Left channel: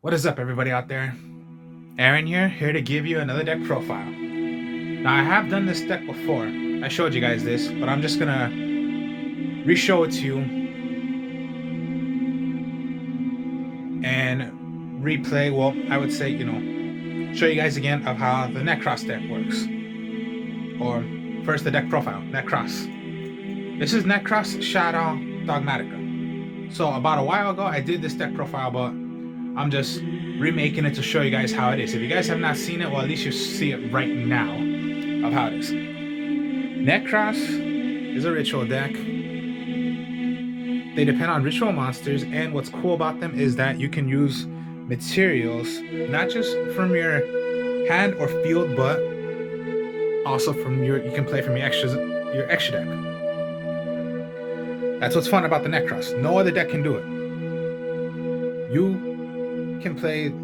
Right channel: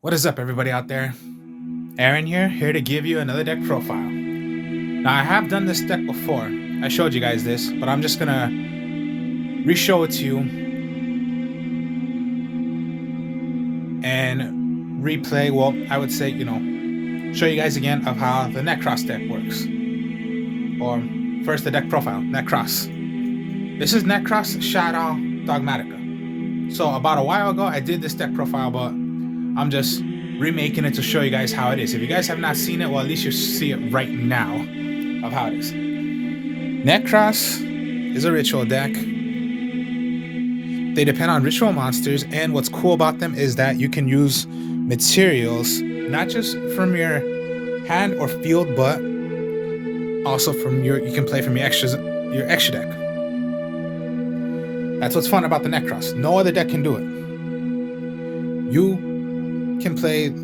What is up, everybody out there? Aaron here to give you another deck profile. Now, I have done this deck before. I showed you guys this, but I'm just gonna re-show it to you and replay. Well, I would say, show you guys again of how the Nekroz deck works. Or first, the deck profile, Nekroz. This is Nekroz, Shaddoll, Dogmatik. So about a while ago, I did this deck profile, but I'm just remaking it to show you guys how it is. If you guys have not seen it, well, at least you see it right now of how it is. Nekroz is a ritual deck. They depend on ritual monsters, and what's cool about them is that you can use materials not just from your hand or field, but also from you can play from your extra deck. That's what's fun about the Nekroz. No other deck can do it. You can play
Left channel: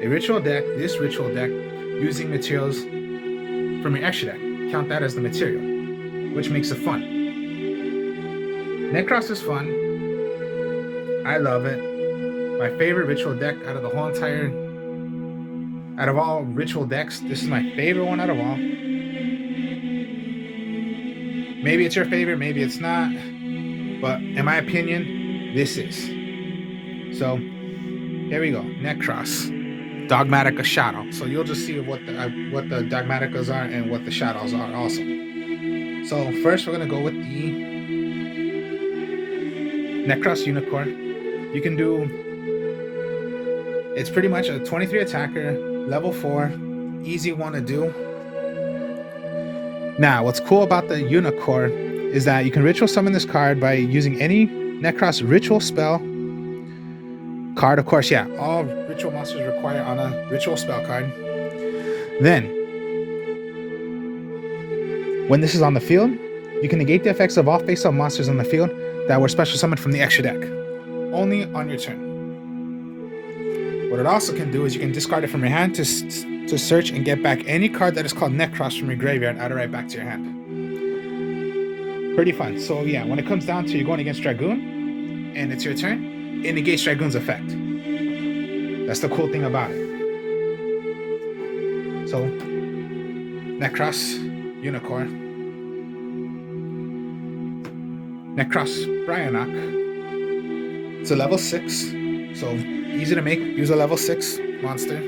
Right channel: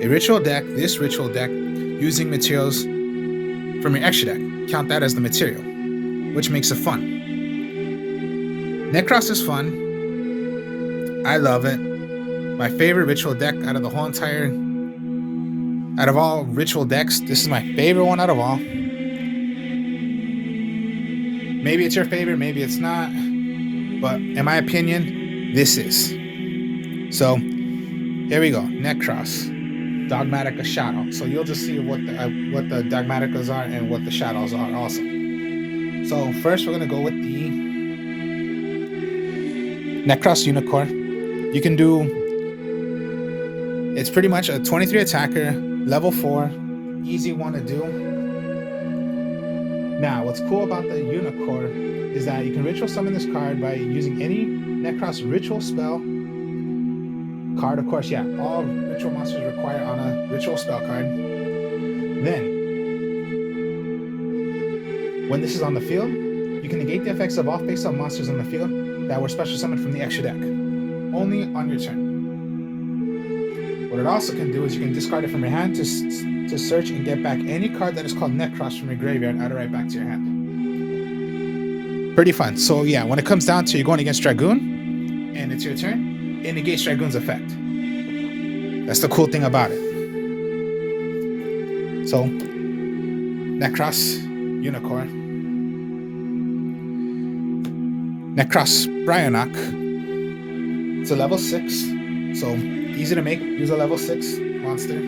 a ritual deck, this ritual deck, using materials from your extra deck. Count that as the material, which makes it fun. Nekroz is fun. I love it. My favorite ritual deck out of all ritual decks, this is my favorite one out of all. Maybe it's your favorite, maybe it's not, but in my opinion, this is. So here we go, Nekroz, Dogmatik, Shaddoll. So you'll just see what the Dogmatikas are and what the Shaddolls are also. So first we're gonna go with the Nekroz Unicorn. You can do, it's pretty much a 23 attacker, level 4, easy one to do. Now, what's cool about the Unicorn is that you can ritual summon this card by using any Nekroz ritual spell card. Of course, yeah, all ritual monsters require on a ritual spell card. Then, when this is on the field, you can negate the effects of all face-up monsters on the field that were special summoned from the extra deck, only on your turn. What it also can do is you can discard it from your hand to search and get back any card that is called Nekroz from your graveyard, add it right back to your hand. Pretty fun. So yeah, when it comes down to you're going against Dragoon, and it's your turn, it negates Dragoon's effect. That's the cool thing about it. So, Nekroz Unicorn. Nekroz Brionac. It's a level 6, so easy to make. Use a level 6 monster,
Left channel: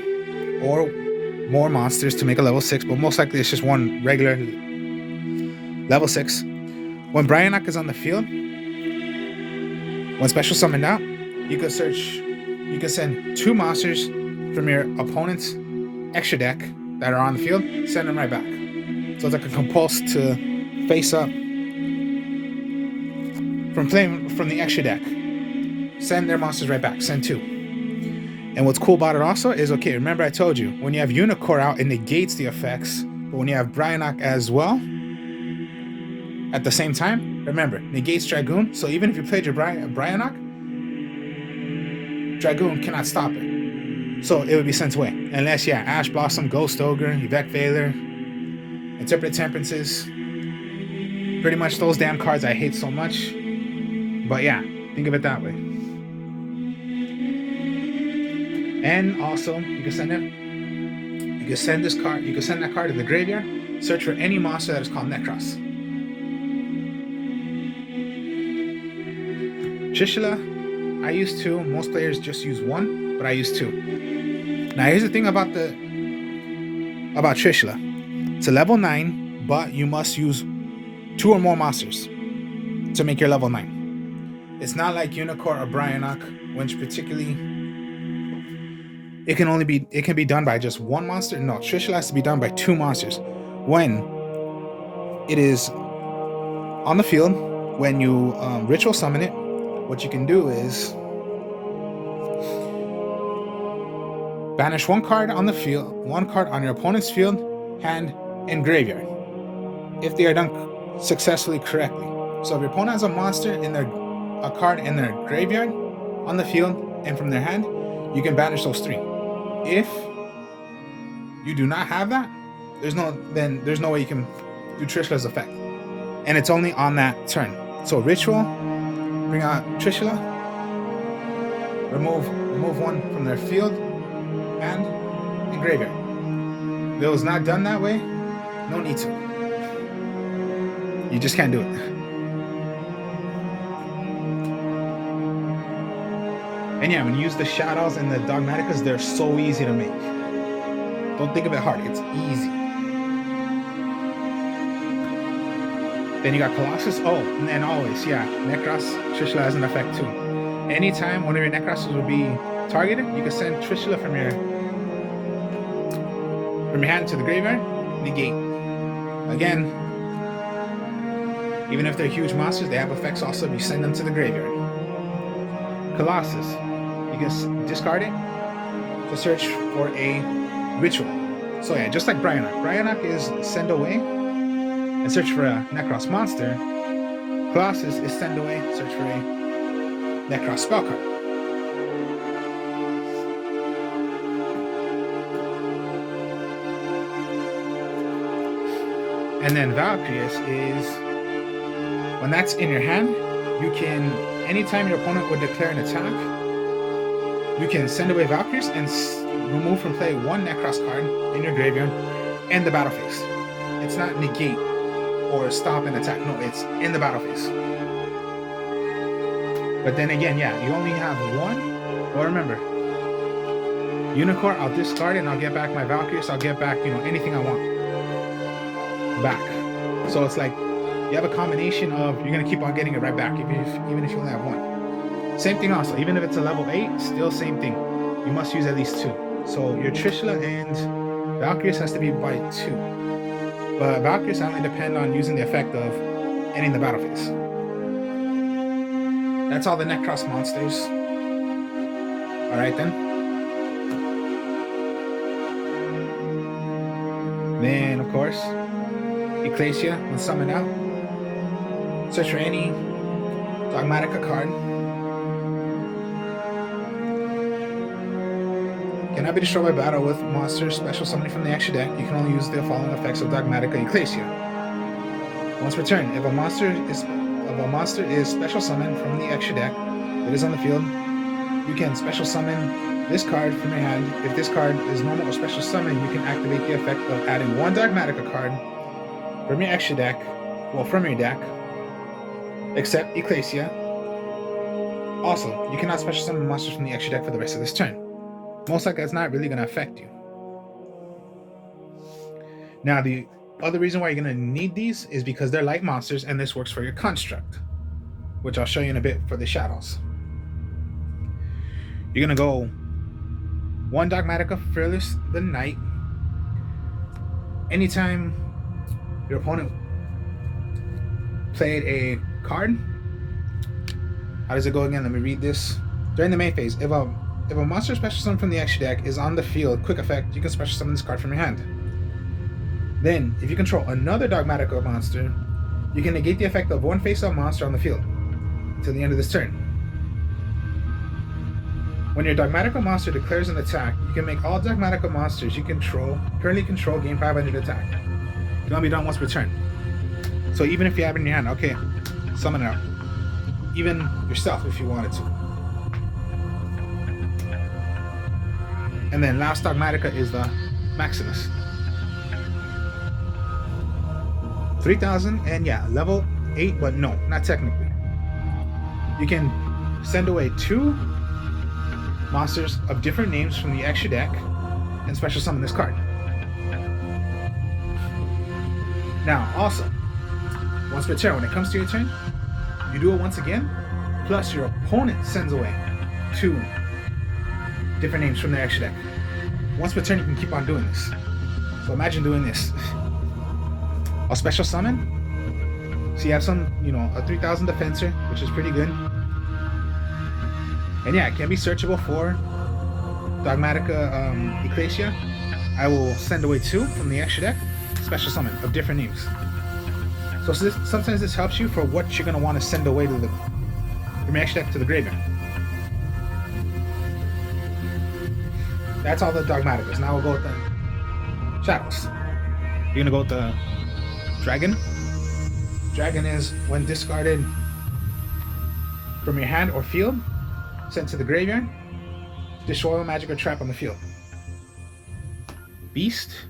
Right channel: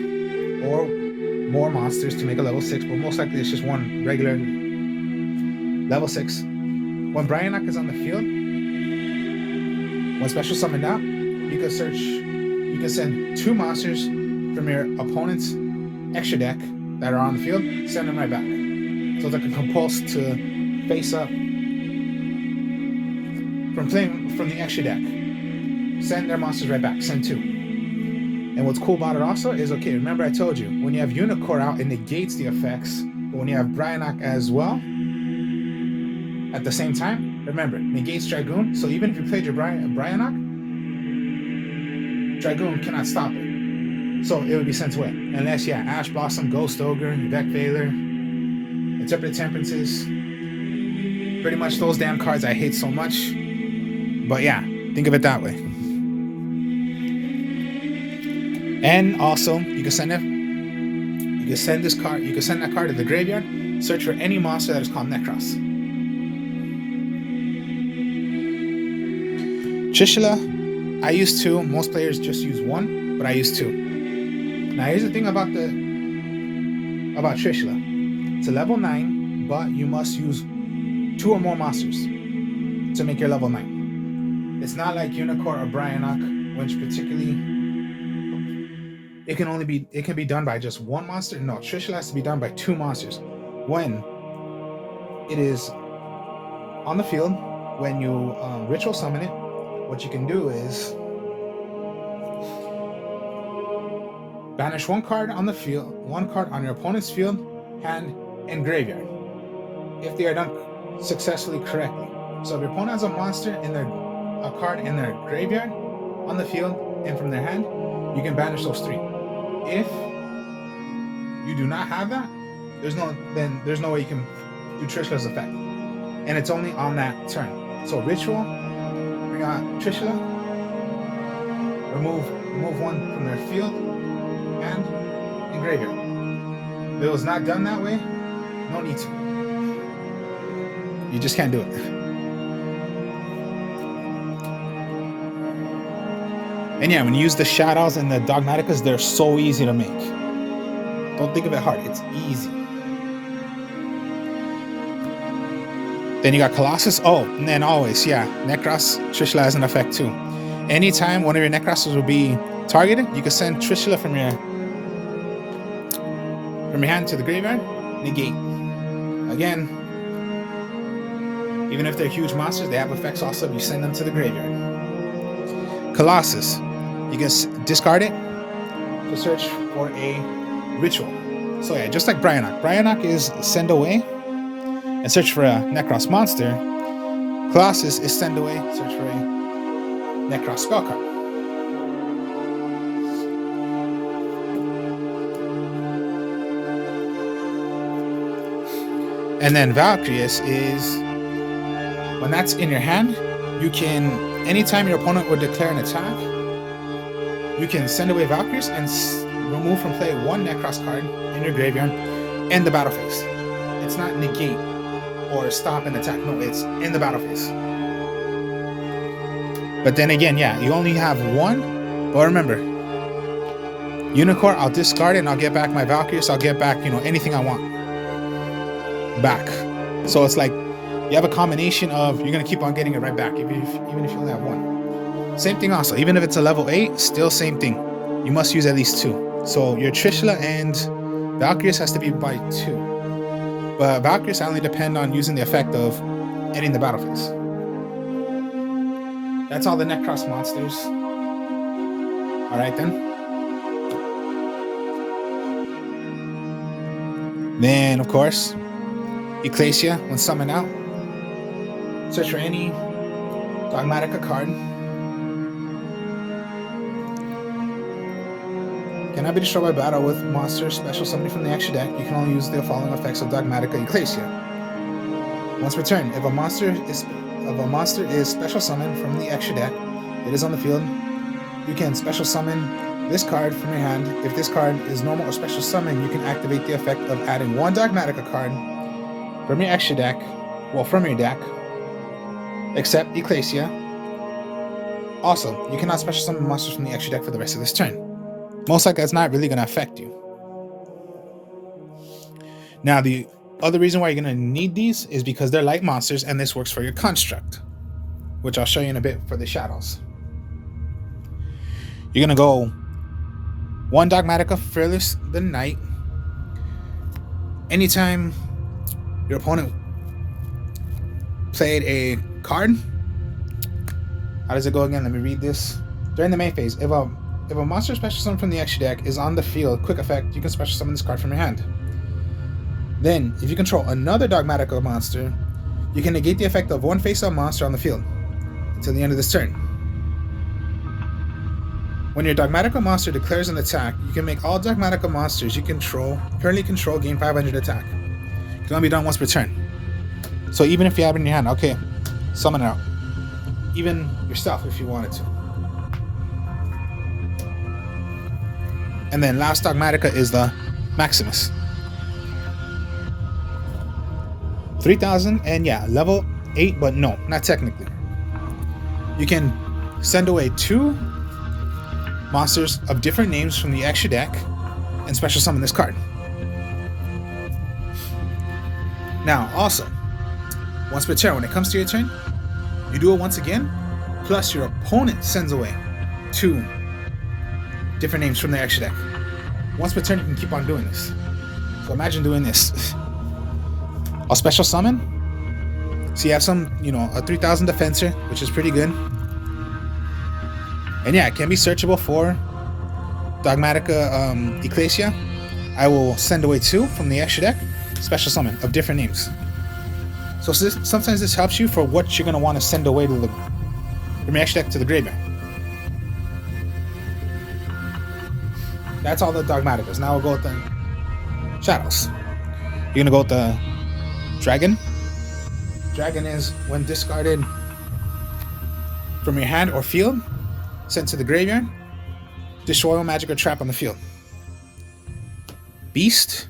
or more monsters to make a level 6, but most likely it's just one regular level 6. When Brionac is on the field, when special summoned out, you can send 2 monsters from your opponent's extra deck that are on the field, send them right back. So it's like a compulse to face up from playing from the extra deck. Send their monsters right back, send 2. And what's cool about it also is, okay, remember I told you, when you have Unicorn out, it negates the effects, but when you have Brionac as well, at the same time, remember, negates Dragoon, so even if you played your Brionac, Dragoon cannot stop it. So it would be sent away. Unless, yeah, Ash Blossom, Ghost Ogre, Yvette Veiler, Interpreted Temperances. Pretty much those damn cards I hate so much. But yeah, think of it that way. And also, you can send that card to the graveyard, search for any monster that is called Nekroz. Trishula, I use 2. Most players just use 1, but I use 2. Now here's the thing about Trishula. It's a level 9, but you must use 2 or more monsters to make your level 9. It's not like Unicorn or Brionac, which particularly it can be done by just 1 monster. No, Trishula has to be done by 2 monsters. When it is on the field, when you ritual summon it, what you can do is banish 1 card on the field, 1 card on your opponent's field, hand, and graveyard, if they are done successfully correctly. So if your opponent has a monster a card in their graveyard, on the field, and from their hand, you can banish those 3. If you do not have that, there's no way you can do Trishula's effect, and it's only on that turn. So ritual, bring out Trishula, remove one from their field, hand, and graveyard. If it was not done that way, no need to. You just can't do it. And yeah, when you use the Shaddolls and the Dogmatikas, they're so easy to make. Don't think of it hard, it's easy. Then you got Colossus. Oh, and then always, yeah, Nekroz, Trishula has an effect too. Anytime one of your Nekrozes will be targeted, you can send Trishula from your hand to the graveyard, negate. Again, even if they're huge monsters, they have effects also if you send them to the graveyard. Colossus, you can discard it to search for a ritual. So yeah, just like Bryanok. Bryanok is send away and search for a Nekroz monster. Colossus is send away, search for a Nekroz spell card. And then Valkyries is, when that's in your hand, you can, anytime your opponent would declare an attack, you can send away Valkyries and remove from play one Nekroz card in your graveyard and the battle phase. It's not negate or stop an attack, no, it's in the battle phase. But then again, yeah, you only have one, but remember, Unicorn, I'll discard it and I'll get back my Valkyrie, so I'll get back, anything I want back. So it's like, you have a combination of, you're going to keep on getting it right back, even if you only have one. Same thing also, even if it's a level 8, still same thing. You must use at least 2. So your Trishula and Valkyries has to be by 2. But Valkyries only depend on using the effect of ending the battle phase. That's all the Nekroz monsters. Alright then. Then, of course, Ecclesia, when summoned out, search for any Dogmatika card. Cannot be destroyed by battle with monsters special summoning from the extra deck. You can only use the following effects of Dogmatika Ecclesia. Once per turn, if a monster is special summoned from the extra deck that is on the field, you can special summon this card from your hand. If this card is normal or special summon, you can activate the effect of adding one Dogmatika card from your extra deck, from your deck, except Ecclesia. Also, you cannot special summon monsters from the extra deck for the rest of this turn. Most likely, it's not really going to affect you. Now, the other reason why you're going to need these is because they're light monsters, and this works for your construct, which I'll show you in a bit for the Shaddolls. You're going to go one Dogmatika, Fearless the Knight. Anytime your opponent played a card, how does it go again? Let me read this. During the main phase, if a monster special summon from the extra deck is on the field, quick effect, you can special summon this card from your hand. Then, if you control another Dogmatika monster, you can negate the effect of one face-up monster on the field until the end of this turn. When your Dogmatika monster declares an attack, you can make all Dogmatika monsters you currently control gain 500 attack. It can only be done once per turn. So even if you have it in your hand, okay, summon it out. Even yourself if you wanted to. And then last Dogmatika is the Maximus. 3,000, and yeah, level 8, but no, not technically. You can send away 2 monsters of different names from the extra deck and special summon this card. Now, also, once per turn, when it comes to your turn, you do it once again, plus your opponent sends away 2 different names from the extra deck. Once per turn, you can keep on doing this. So imagine doing this. I'll special summon. So you have some, a 3,000 defensor, which is pretty good. And yeah, it can be searchable for Dogmatika Ecclesia. I will send away 2 from the extra deck, special summon of different names. So sometimes this helps you for what you're going to want to send away from your extra deck to the graveyard. That's all the Dogmatikas. Now we'll go with the Shaddolls. You're going to go with the Dragon. Dragon is, when discarded from your hand or field, send to the graveyard, destroy a magic or trap on the field. Beast,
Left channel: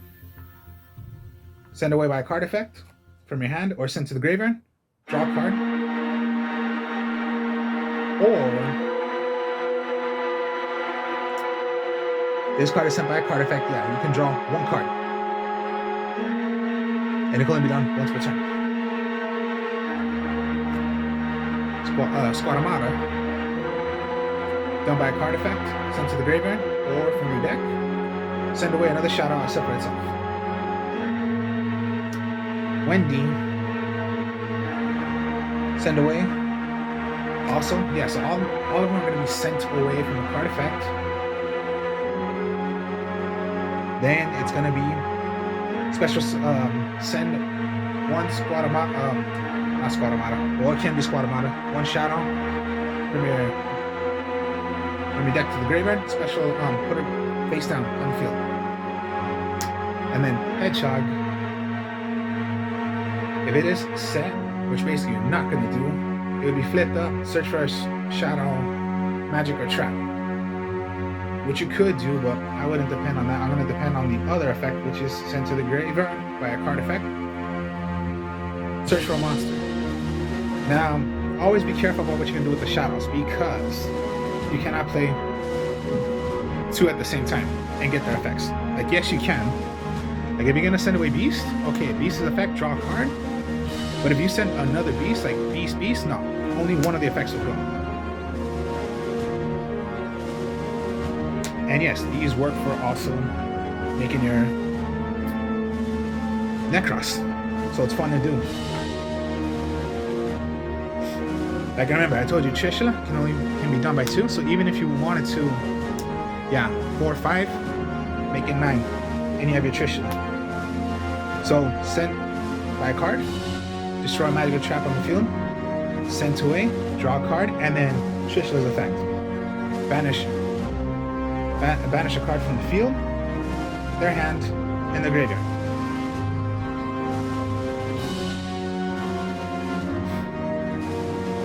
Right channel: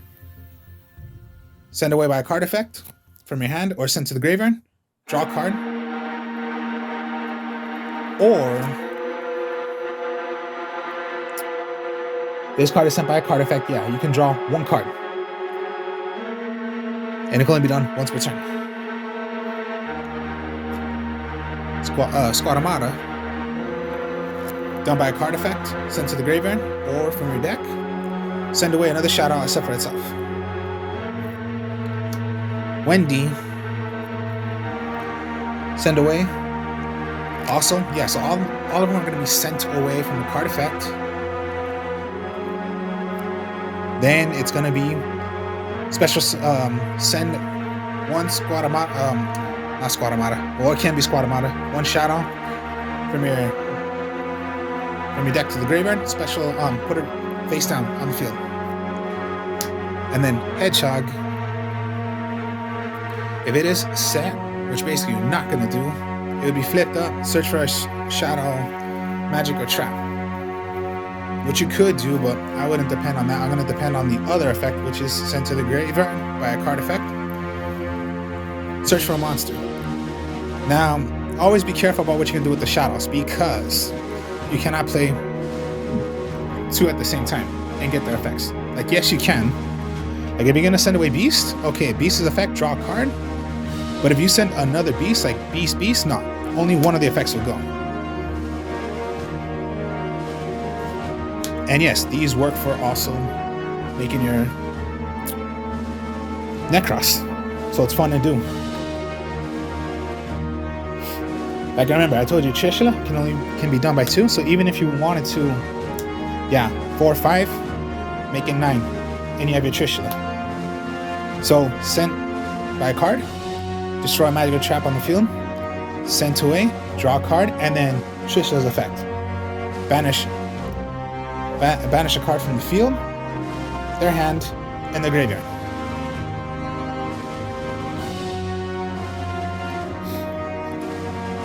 send away by a card effect from your hand or send to the graveyard, draw a card. Or this card is sent by a card effect. Yeah, you can draw one card. And it can only be done once per turn. Squadamata, done by a card effect, sent to the graveyard or from your deck, send away another Shaddoll except for itself. Wendy, send away. Also, yeah, so all of them are going to be sent away from the card effect. Then it's going to be special send one Squadamata, not Squadamata, well, it can be Squadamata, one Shaddoll from your deck to the graveyard, special put it face down on the field. And then Hedgehog, if it is set, which basically you're not going to do, it would be flipped up, search for a Shaddoll, magic, or trap. Which you could do, but I wouldn't depend on that. I'm going to depend on the other effect, which is sent to the graveyard by a card effect. Search for a monster. Now, always be careful about what you can do with the Shaddolls, because you cannot play two at the same time and get their effects. Like, yes, you can. Like, if you're going to send away Beast, okay, Beast's effect, draw a card. But if you send another Beast, like Beast, no. Only one of the effects will go. And yes, these work for also making your Nekroz. So it's fun to do. Like, I remember, I told you Trishula can be done by 2. So even if you wanted to, 4 or 5, make it 9. And you have your Trishula. So send by a card, destroy a magical trap on the field, send to away, draw a card, and then Trishula's effect. Banish a card from the field, their hand, and the graveyard.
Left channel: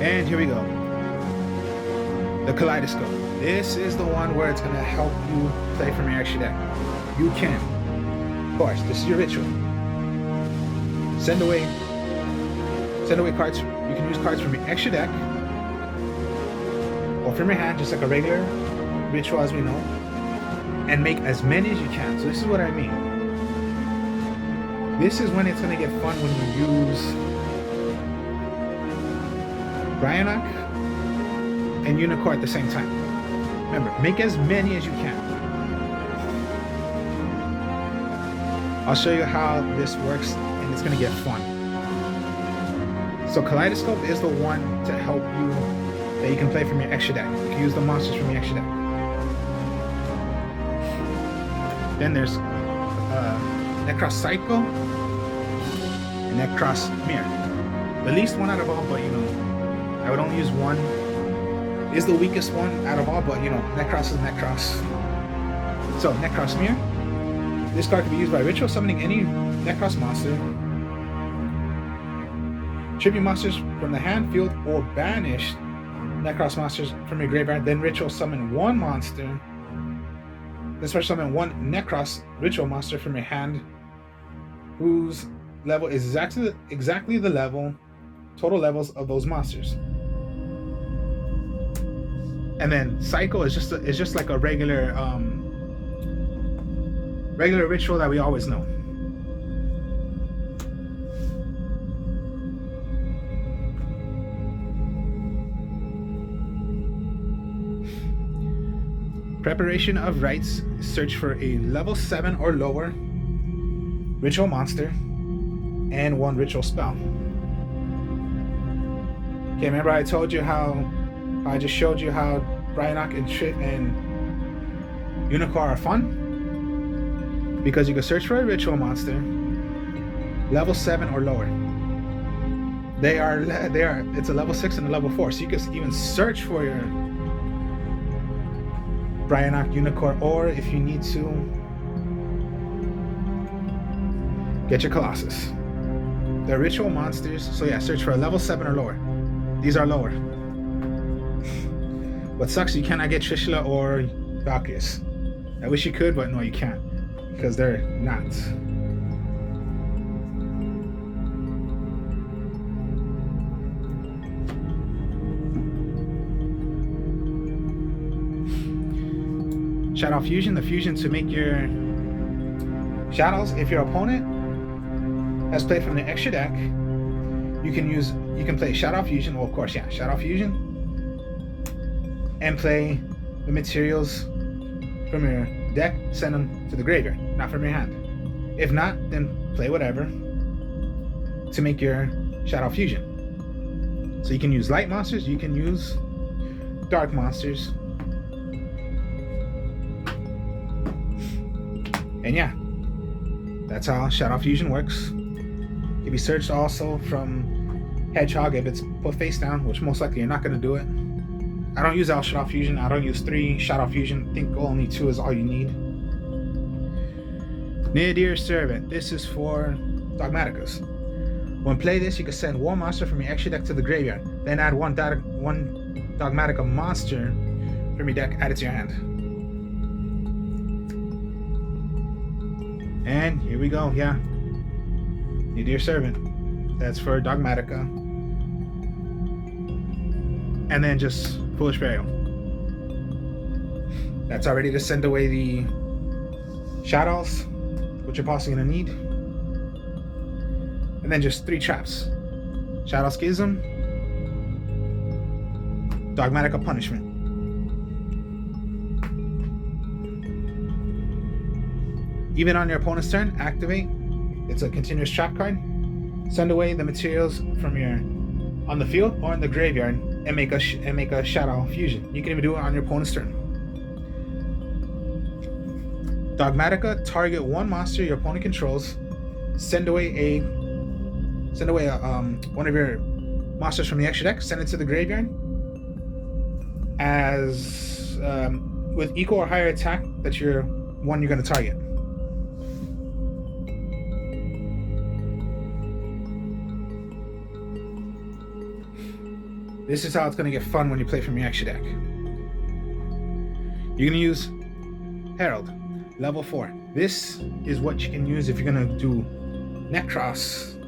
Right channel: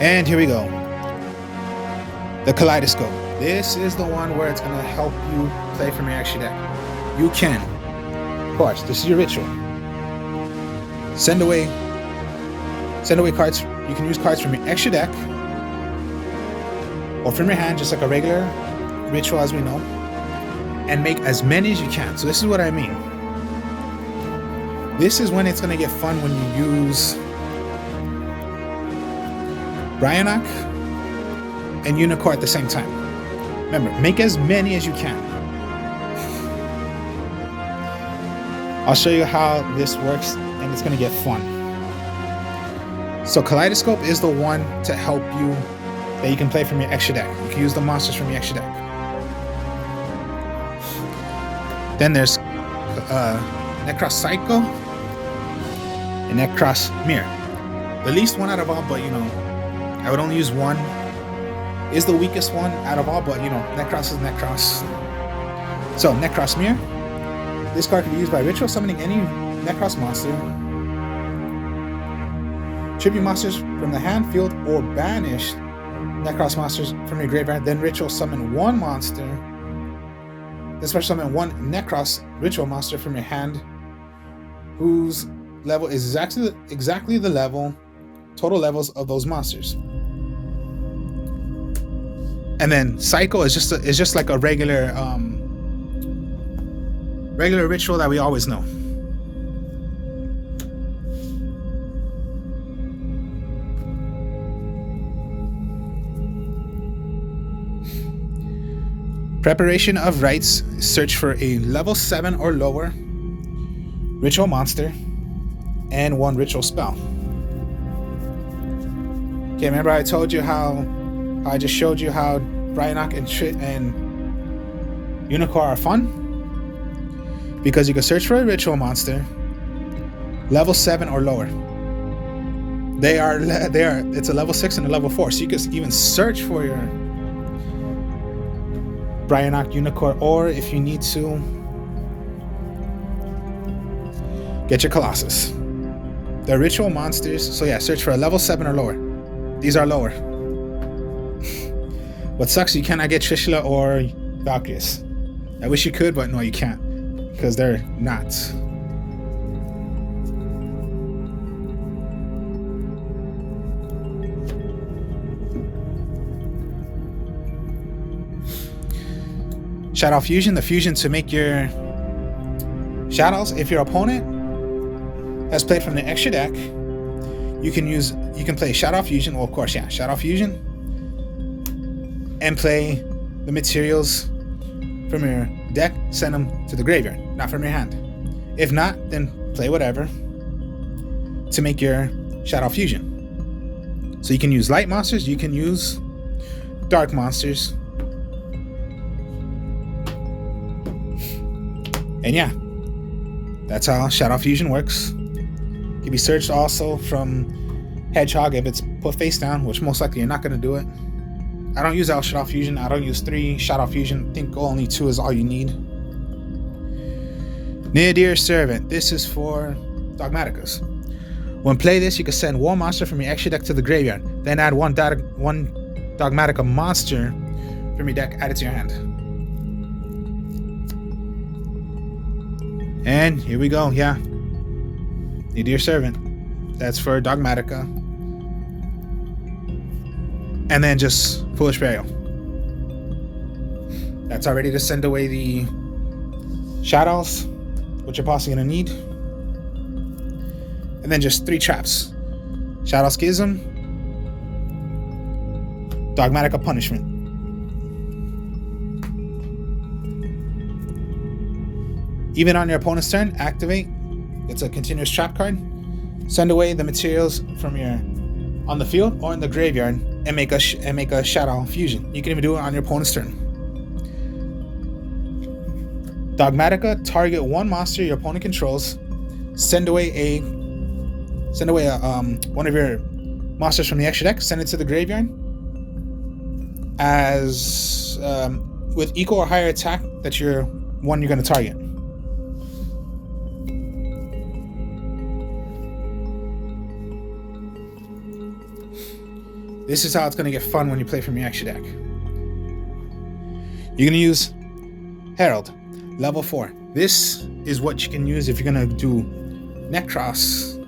And here we go. The Kaleidoscope. This is the one where it's going to help you play from your extra deck. You can. Of course, this is your ritual. Send away cards. You can use cards from your extra deck or from your hand, just like a regular ritual as we know, and make as many as you can. So this is what I mean. This is when it's going to get fun, when you use Bryonak and Unicorn at the same time. Remember, make as many as you can. I'll show you how this works, and it's going to get fun. So Kaleidoscope is the one to help you, that you can play from your extra deck. You can use the monsters from your extra deck. Then there's Nekroz Cycle and Nekroz Mirror. The least one out of all, but I would only use one. Is the weakest one out of all, but Nekroz is Nekroz. So Nekroz Mirror. This card can be used by ritual summoning any Nekroz monster, tribute monsters from the hand, field, or banish Nekroz monsters from your graveyard. Then ritual summon one monster. Then special summon one Nekroz ritual monster from your hand, whose level is exactly the total levels of those monsters. And then Cycle is just like a regular ritual that we always know. Preparation of Rites. Search for a level 7 or lower ritual monster and one ritual spell. Okay, remember I told you how I just showed you how Bryonak and Unicorn are fun? Because you can search for a ritual monster, level 7 or lower. It's a level 6 and a level 4, so you can even search for your Bryonak, Unicorn, or if you need to, get your Colossus. The ritual monsters, so search for a level 7 or lower. These are lower. What sucks, you cannot get Trishula or Valkyries. I wish you could, but no, you can't. Because they're not. Shaddoll Fusion, the fusion to make your Shaddows. If your opponent has played from the extra deck, you can play Shaddoll Fusion, well, of course, yeah, Shaddoll Fusion, and play the materials from your deck, send them to the graveyard, not from your hand. If not, then play whatever to make your Shaddoll Fusion. So you can use light monsters, you can use dark monsters. And yeah, that's how Shaddoll Fusion works. Can be searched also from Hedgehog if it's put face down, which most likely you're not going to do it. I don't use Shaddoll Fusion. I don't use 3 Shaddoll Fusion. I think only 2 is all you need. Near Servant. This is for Dogmatikas. When play this, you can send 1 monster from your extra deck to the graveyard. Then add 1 Dogmatika monster from your deck, add it to your hand. And here we go, yeah. Near Servant. That's for Dogmatika. And then just Foolish Burial. That's already to send away the Shaddows, which you're possibly going to need. And then just 3 traps. Shaddoll Schism, Dogmatika Punishment. Even on your opponent's turn, activate. It's a continuous trap card. Send away the materials from your on the field or in the graveyard and make a Shaddoll Fusion. You can even do it on your opponent's turn. Dogmatika, target 1 monster your opponent controls. Send away one of your monsters from the extra deck. Send it to the graveyard as with equal or higher attack that you're going to target. This is how it's going to get fun when you play from your extra deck. You're going to use Herald, level 4. This is what you can use if you're going to do Nekroz,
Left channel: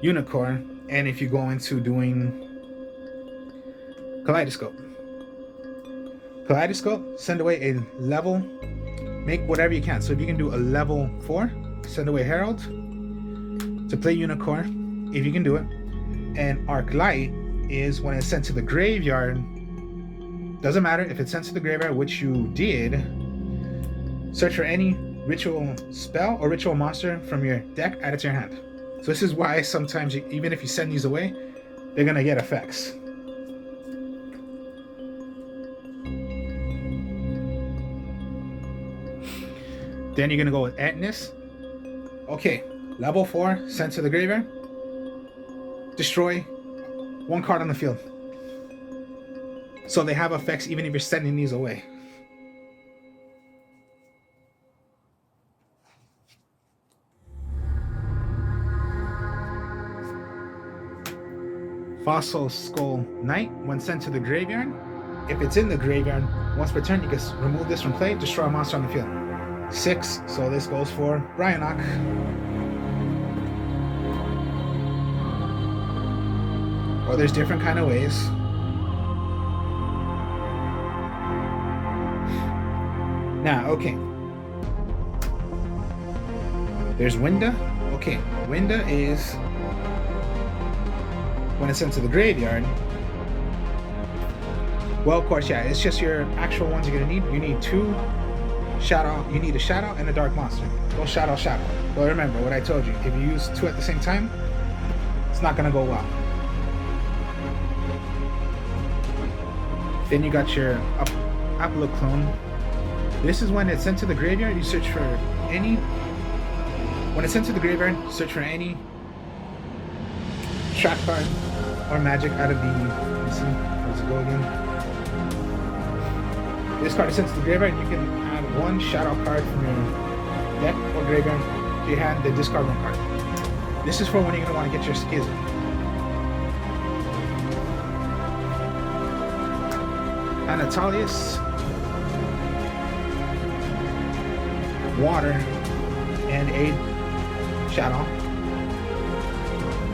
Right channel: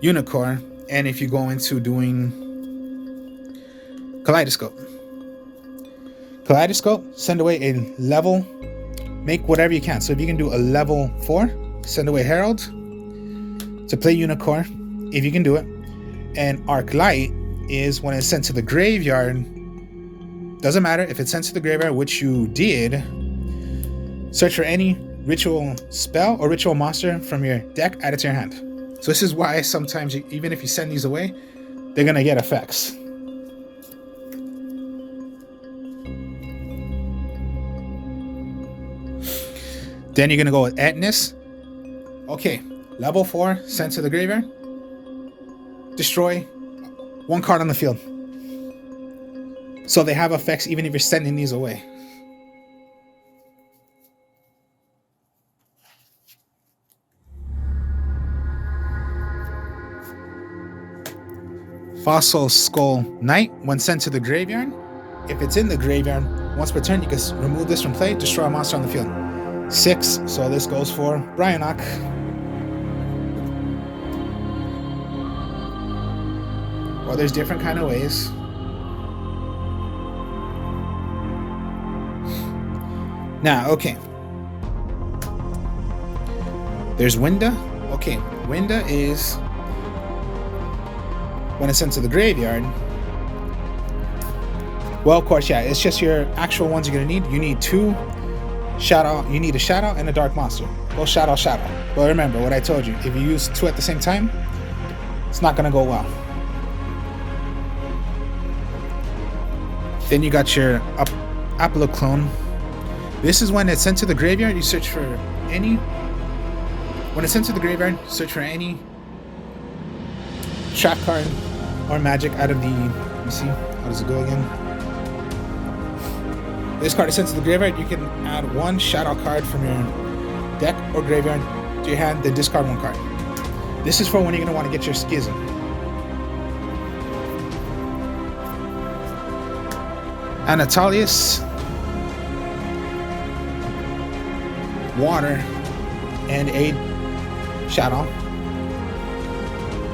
Unicorn, and if you go into doing Kaleidoscope. Kaleidoscope, send away a level, make whatever you can. So if you can do a level 4, send away Herald to play Unicorn, if you can do it. And Arc Light is when it's sent to the graveyard. Doesn't matter if it's sent to the graveyard, which you did. Search for any ritual spell or ritual monster from your deck, add it to your hand. So this is why sometimes, even if you send these away, they're gonna get effects. Then you're gonna go with Etnus. Okay, level 4, sent to the graveyard. Destroy 1 card on the field. So they have effects even if you're sending these away. Fossil Skull Knight, when sent to the graveyard. If it's in the graveyard, once per turn, you can remove this from play, destroy a monster on the field. 6, so this goes for Bryanok. Well, there's different kind of ways. Now, okay. There's Winda. Okay, Winda is when it's sent to the graveyard. Well, of course, yeah, it's just your actual ones you're gonna need. You need 2 Shaddoll. You need a Shaddoll and a Dark Monster. Go Shaddoll. But remember what I told you. If you use 2 at the same time, it's not gonna go well. Then you got your Apollo Clone. This is when it's sent to the graveyard. You search for any. When it's sent to the graveyard, search for any trap card or magic out of the. Let me see. How does it go again? This card is sent to the graveyard. You can add 1 Shaddoll card from your deck or graveyard to your hand, then discard 1 card. This is for when you're gonna want to get your Schism. Anatolius, water, and a Shaddoll.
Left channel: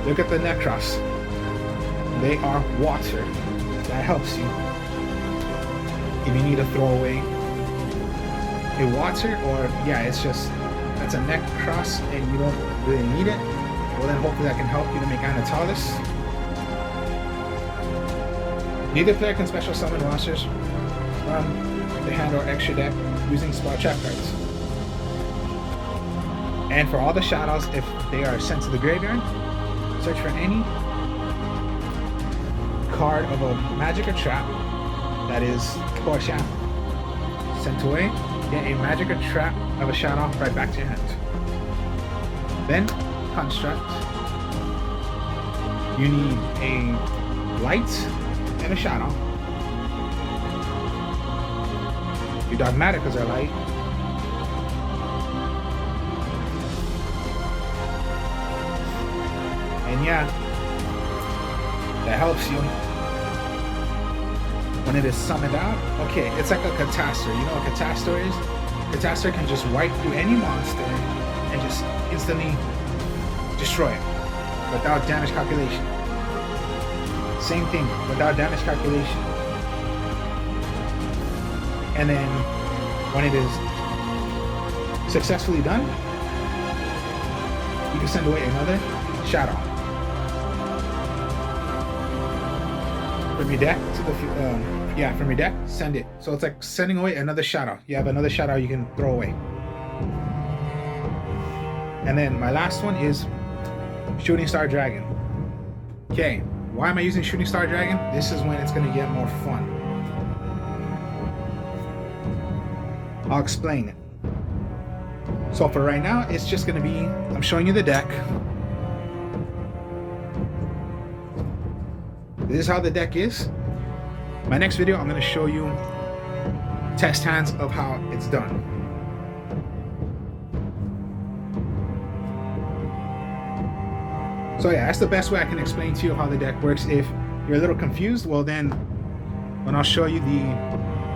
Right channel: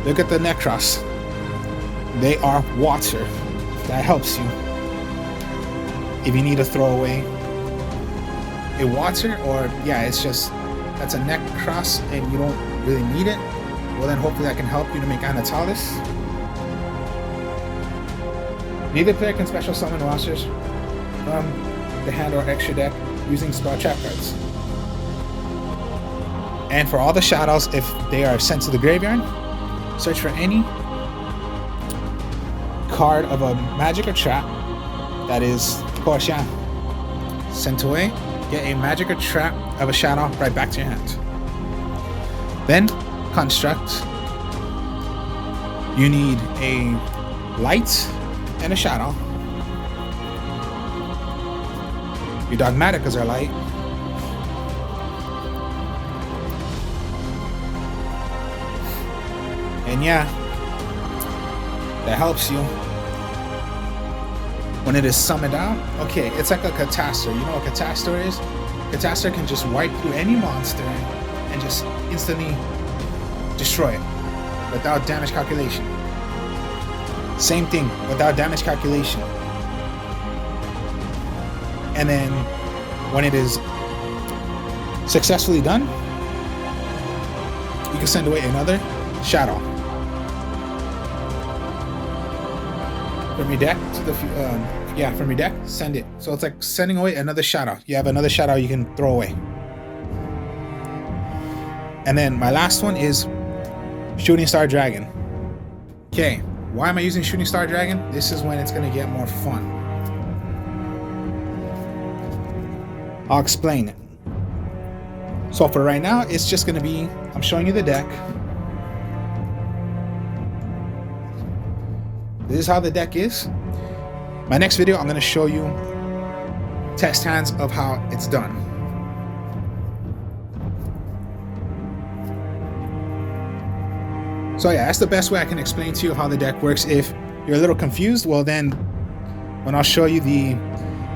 Look at the Nekroz. They are water. That helps you. If you need to throw away a water, or yeah, it's just that's a Nekroz and you don't really need it, well then hopefully that can help you to make Anatolius. Neither player can special summon monsters from the hand or extra deck using spell trap cards. And for all the Shaddolls, if they are sent to the graveyard, search for any card of a magic or trap that is Portia. Sent away, get a magic or trap of a Shaddoll right back to your hand. Then, construct. You need a light and a Shaddoll. Your Dogmatikas are light. And yeah, that helps you when it is summoned out. Okay, it's like a Catastor. You know what Catastor is? Catastor can just wipe through any monster and just instantly destroy it without damage calculation. Same thing, without damage calculation. And then when it is successfully done, you can send away another Shaddoll from your deck to the from your deck, send it. So it's like sending away another Shaddoll. You have another Shaddoll you can throw away. And then my last one is Shooting Star Dragon. Okay, why am I using Shooting Star Dragon? This is when it's gonna get more fun. I'll explain it. So for right now, it's just gonna be, I'm showing you the deck. This is how the deck is. My next video, I'm gonna show you test hands of how it's done. So yeah, that's the best way I can explain to you how the deck works. If you're a little confused, well then, when I'll show you the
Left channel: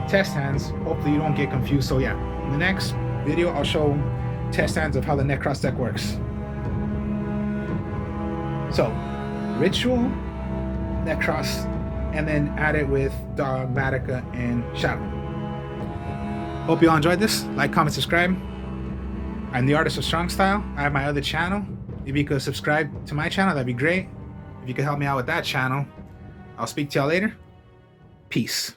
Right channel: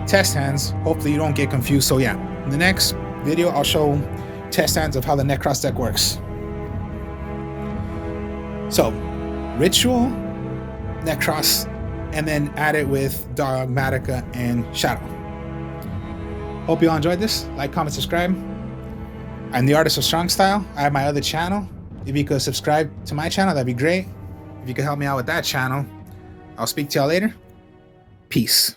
test hands, hopefully you don't get confused. So yeah, in the next video, I'll show test hands of how the Nekroz deck works. So, Ritual, Nekroz, and then add it with Dogmatika and Shaddoll. Hope you all enjoyed this. Like, comment, subscribe. I'm the Artist of Strong Style. I have my other channel. If you could subscribe to my channel, that'd be great. If you could help me out with that channel, I'll speak to y'all later. Peace.